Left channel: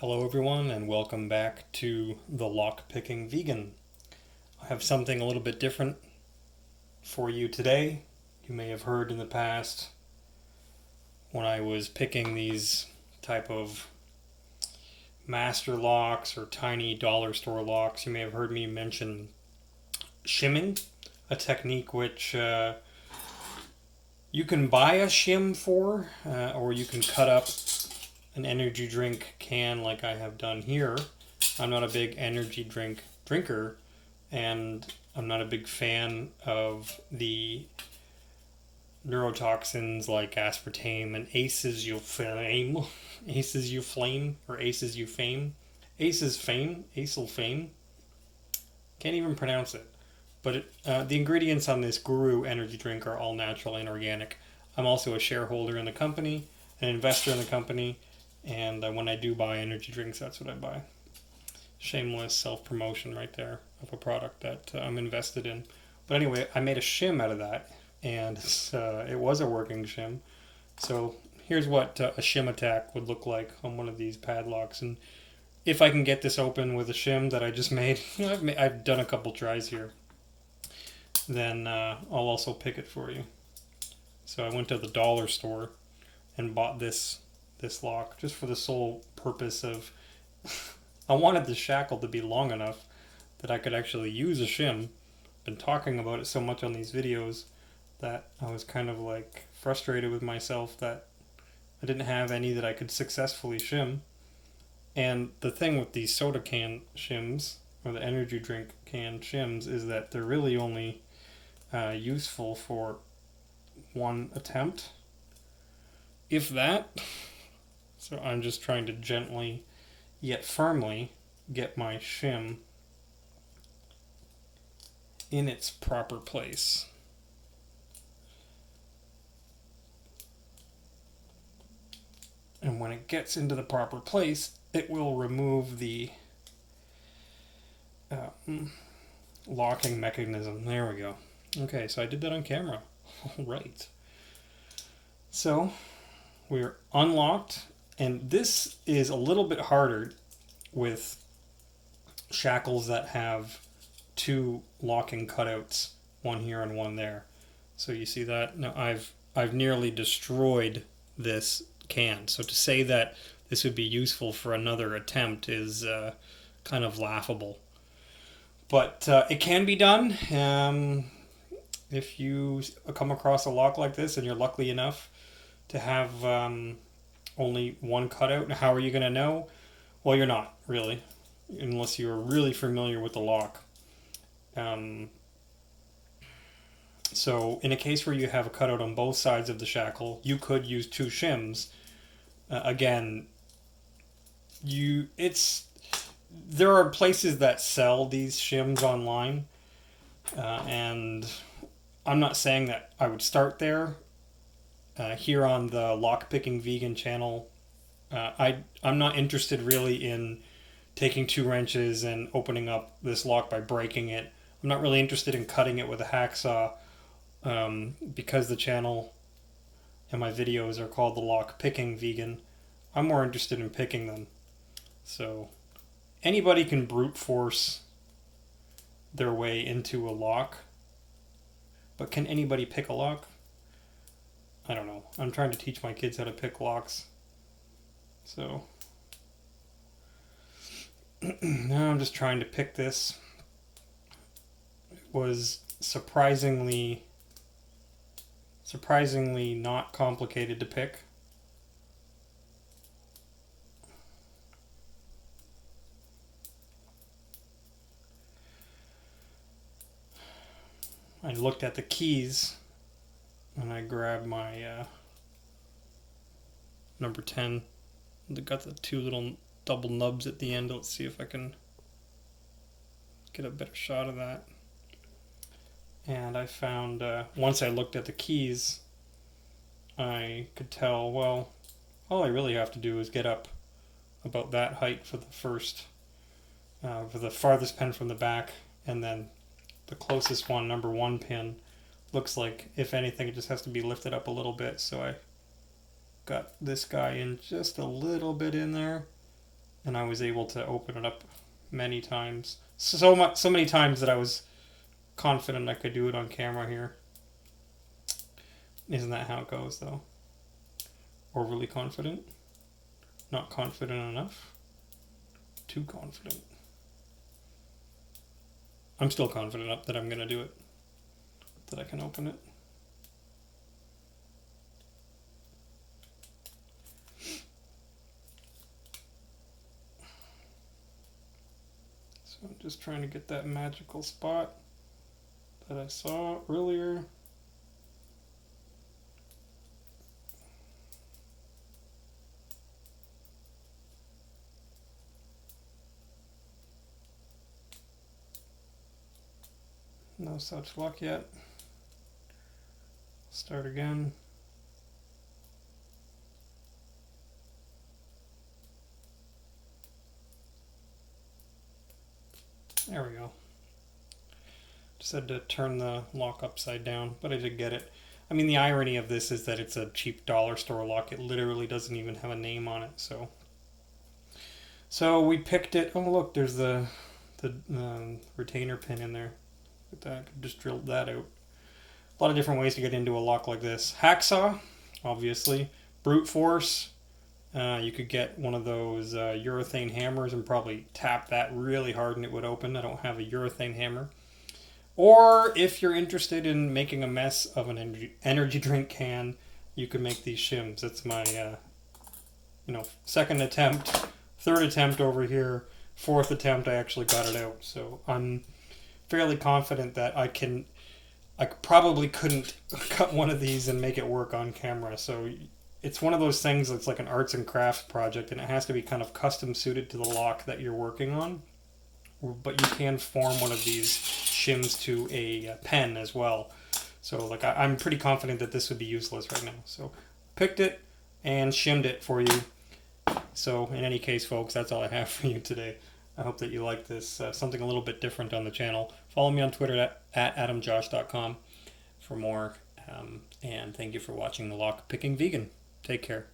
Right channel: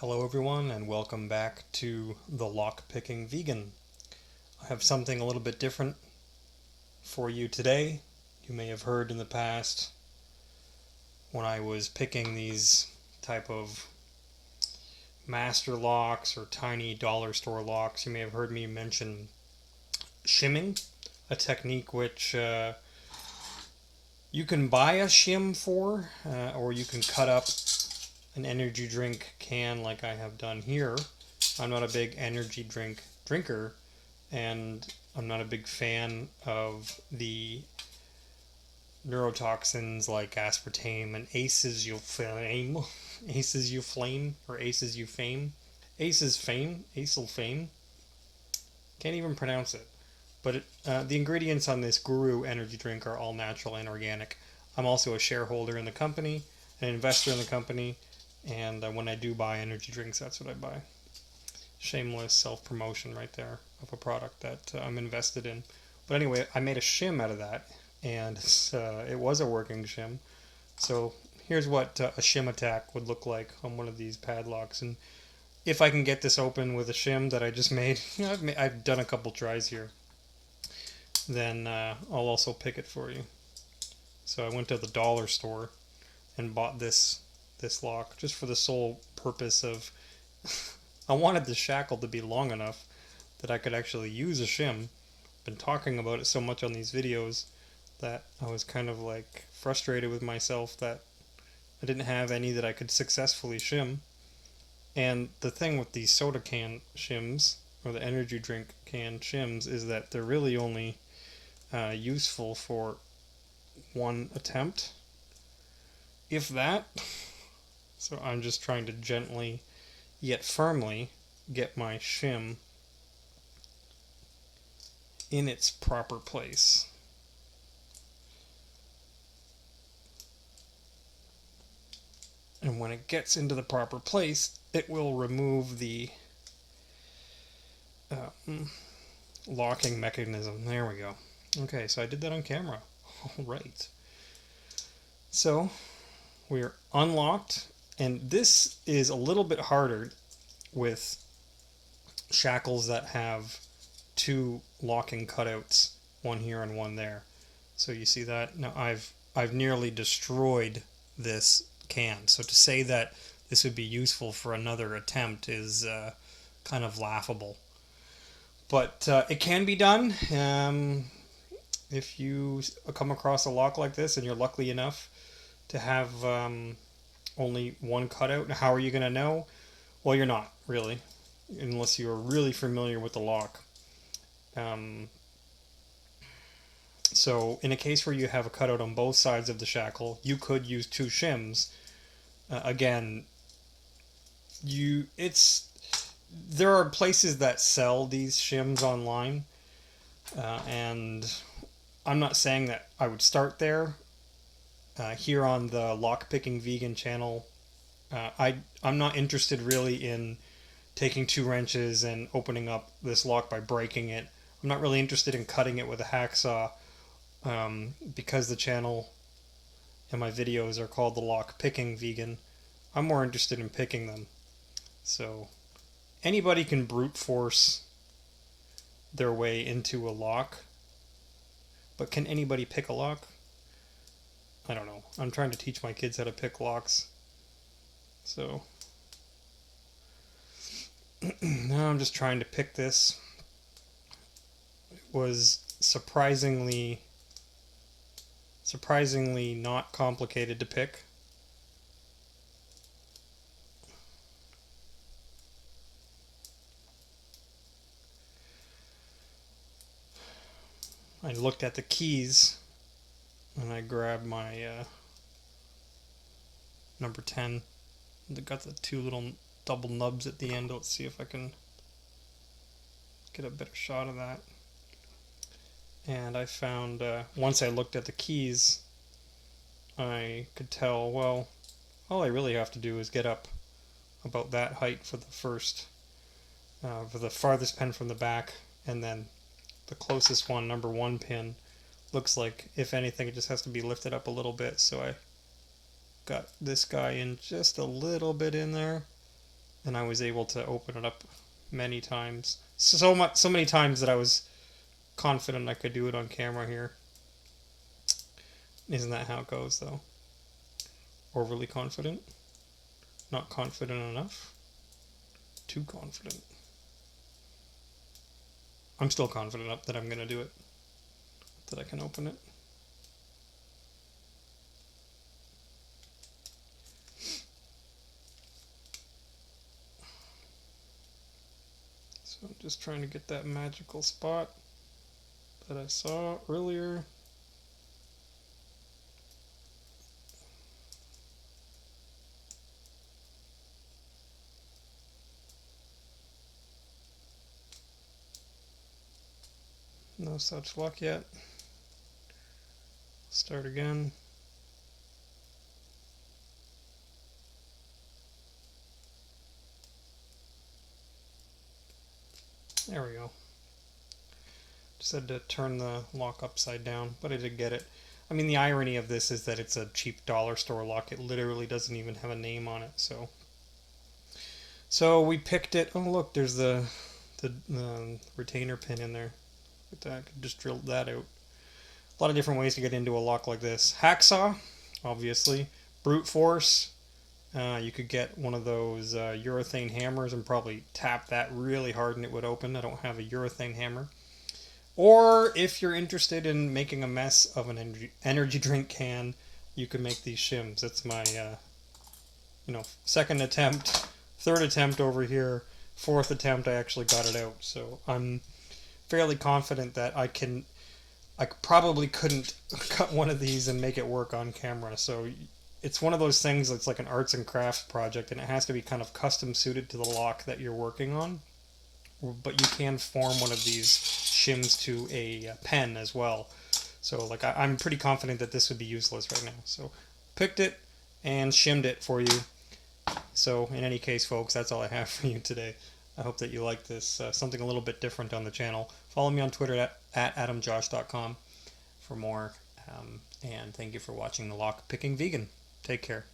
Hello everyone and welcome back to the Lock-Picking Vegan. I have something a little bit different for you today. You may have heard in the past when I was picking these type of master locks or tiny dollar store locks, you may have heard me mention shimming, a technique which you can buy a shim for, or you can cut up an energy drink can like I have done here. I'm not a big energy drinker, and I'm not a big fan of the neurotoxins like aspartame and acylfame. Can't even pronounce it. But the ingredients on this Guru energy drink are all natural and organic. I'm also a shareholder in the company, an investor in the company, and when I do buy energy drinks, that's what I buy. Shameless self-promotion right there of a product that I'm invested in. But anyway, I made a shim out of that, and it was a working shim. So here's what a shim attack would look like on one of these padlocks. And if I can get this open with a shim that I just made, I've done a couple tries here, then I'll also pick it for you. So I went to the dollar store and bought this lock just for the sole purpose of I wanted the shackle to be long enough that I could actually use a shim. Been talking about it so much on these videos that I was kind of like frustrated with myself that I didn't have any that I could successfully shim. And the thing with these soda can shims or the energy drink can shims is that they're really only useful for one attempt, if that. So I'm just trying to gently yet firmly get my shim in its proper place. And when it gets into the proper place, it will remove the locking mechanism. There we go. Okay, so I did that on camera. All right. So we're unlocked. And this is a little bit harder with shackles that have two locking cutouts, one here and one there. So you see that? Now I've nearly destroyed this can. So to say that this would be useful for another attempt is kind of laughable. But it can be done. If you come across a lock like this and you're lucky enough to have only one cutout. How are you going to know? Well, you're not, really, unless you're really familiar with the lock. So in a case where you have a cutout on both sides of the shackle, you could use two shims. Again, there are places that sell these shims online, and I'm not saying that I would start there. Here on the Lock-Picking Vegan channel, I'm not interested really in taking two wrenches and opening up this lock by breaking it. I'm not really interested in cutting it with a hacksaw because the channel and my videos are called the Lock-Picking Vegan. I'm more interested in picking them. So anybody can brute force their way into a lock, but can anybody pick a lock? I don't know. I'm trying to teach my kids how to pick locks. So now I'm just trying to pick this. It was surprisingly not complicated to pick. I looked at the keys and I grabbed my number 10. They got the two little double nubs at the end. Let's see if I can get a better shot of that. And I found, once I looked at the keys, I could tell, well, all I really have to do is get up about that height for the farthest pin from the back, and then the closest one, number 1 pin, looks like, if anything, it just has to be lifted up a little bit. So I got this guy in just a little bit in there, and I was able to open it up many times. So many times that I was confident I could do it on camera here. Isn't that how it goes, though? Overly confident? Not confident enough? Too confident. I'm still confident that I'm going to do it. That I can open it. So I'm just trying to get that magical spot that I saw earlier. No such luck yet. Start again. There we go. Just had to turn the lock upside down, but I did get it. I mean, the irony of this is that it's a cheap dollar store lock. It literally doesn't even have a name on it. So we picked it. Oh, look, there's the retainer pin in there. Look at that. Could just drill that out. A lot of different ways to get into a lock like this. Hacksaw, obviously. Brute force. You could get one of those urethane hammers and probably tap that really hard and it would open. I don't have a urethane hammer. Or if you're interested in making a mess of an energy drink can, you can make these shims. It's my, second attempt, third attempt over here, fourth attempt I actually got it out. So I'm fairly confident that I probably couldn't cut one of these and make it work on camera. So it's one of those things that's like an arts and crafts project, and it has to be kind of custom suited to the lock that you're working on. But you can form one of these shims to a pen as well. So like I'm pretty confident that this would be useless right now. So picked it and shimmed it for you. So in any case, folks, that's all I have for you today. I hope that you like this, something a little bit different on the channel. Follow me on Twitter at adamjosh.com for more. And thank you for watching The Lock Picking Vegan. Take care.